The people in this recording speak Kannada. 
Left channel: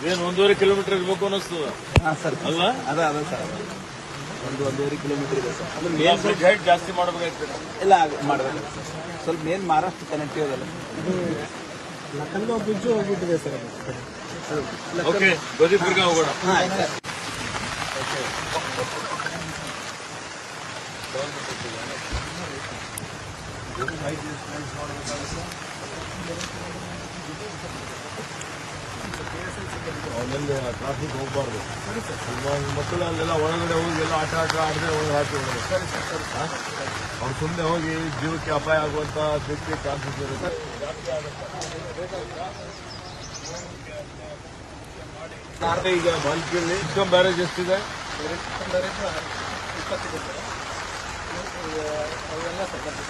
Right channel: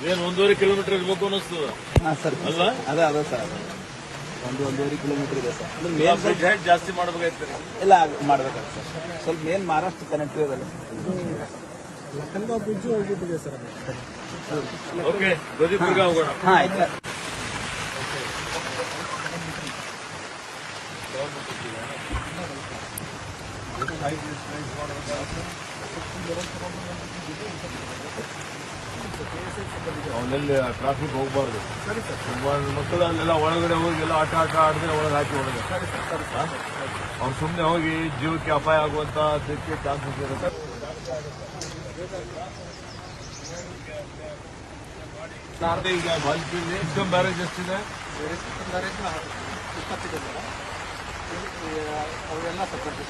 ಇದೇನು 1.5 ಕಿಲೋಮೀಟರ್ ಇರ್ಬೇಕು ಅನ್ನಿಸ್ತದ ಸರ್ ಅಲ್ವಾ? ಅದ ಸರ್ 1.5 ಕಿಲೋಮೀಟರ್ ಇದೆ ಸರ್. ಬ್ರಿಡ್ಜ್ ಹೈಟ್ ಜಾಸ್ತಿ ಮಾಡಬೇಕಾಯ್ತು. ಇಲ್ಲ ಮಾಡಬೇಕು ಸ್ವಲ್ಪ ಮೇನ್ ಮಹಾರಾಷ್ಟ್ರ ಕನೆಕ್ಟಿವ್ ಅದಲ್ಲ ಲಖನೌ ಬ್ರಿಡ್ಜ್ ಹೋಗ್ಬಿಟ್ಟಿದೆ ಸರ್. ಓಕೆ ಧ್ವಜದುರ್ಗ ಹೋಗೋಣ. ಹಾಂ ಆಯ್ತು ಸರ್. ಅವನಲ್ಲಿ ಟ್ರಾಫಿಕ್ ಹೋಗಬಾರ್ದು. ಮಕ್ಕಳು ಅಲ್ಲೆಲ್ಲ ಒಳಗಡೆ ಹೋಗಿ ಎಲ್ಲ ಆಟ ಆಡದೆ ಒಳಗೆ ಹಾಕಿ ಹೋಗೋದು. ಅವ್ರು ಸುಮ್ಮನೆ ಹೋಗಿ ಜೀವಕ್ಕೆ ಅಪಾಯ ಆಗುವಂತ ತೆಕ್ಕೆ ಚಾನ್ಸಸ್ ಇರುತ್ತೆ. ಈಗ ಬಾಲ್ಕಿಯಲ್ಲಿ ಇನ್ಕಮ್ ಬ್ಯಾರೇಜ್ ಎಷ್ಟಿದೆ? ಅವೆಲ್ಲ ಸಪೋರ್ಟ್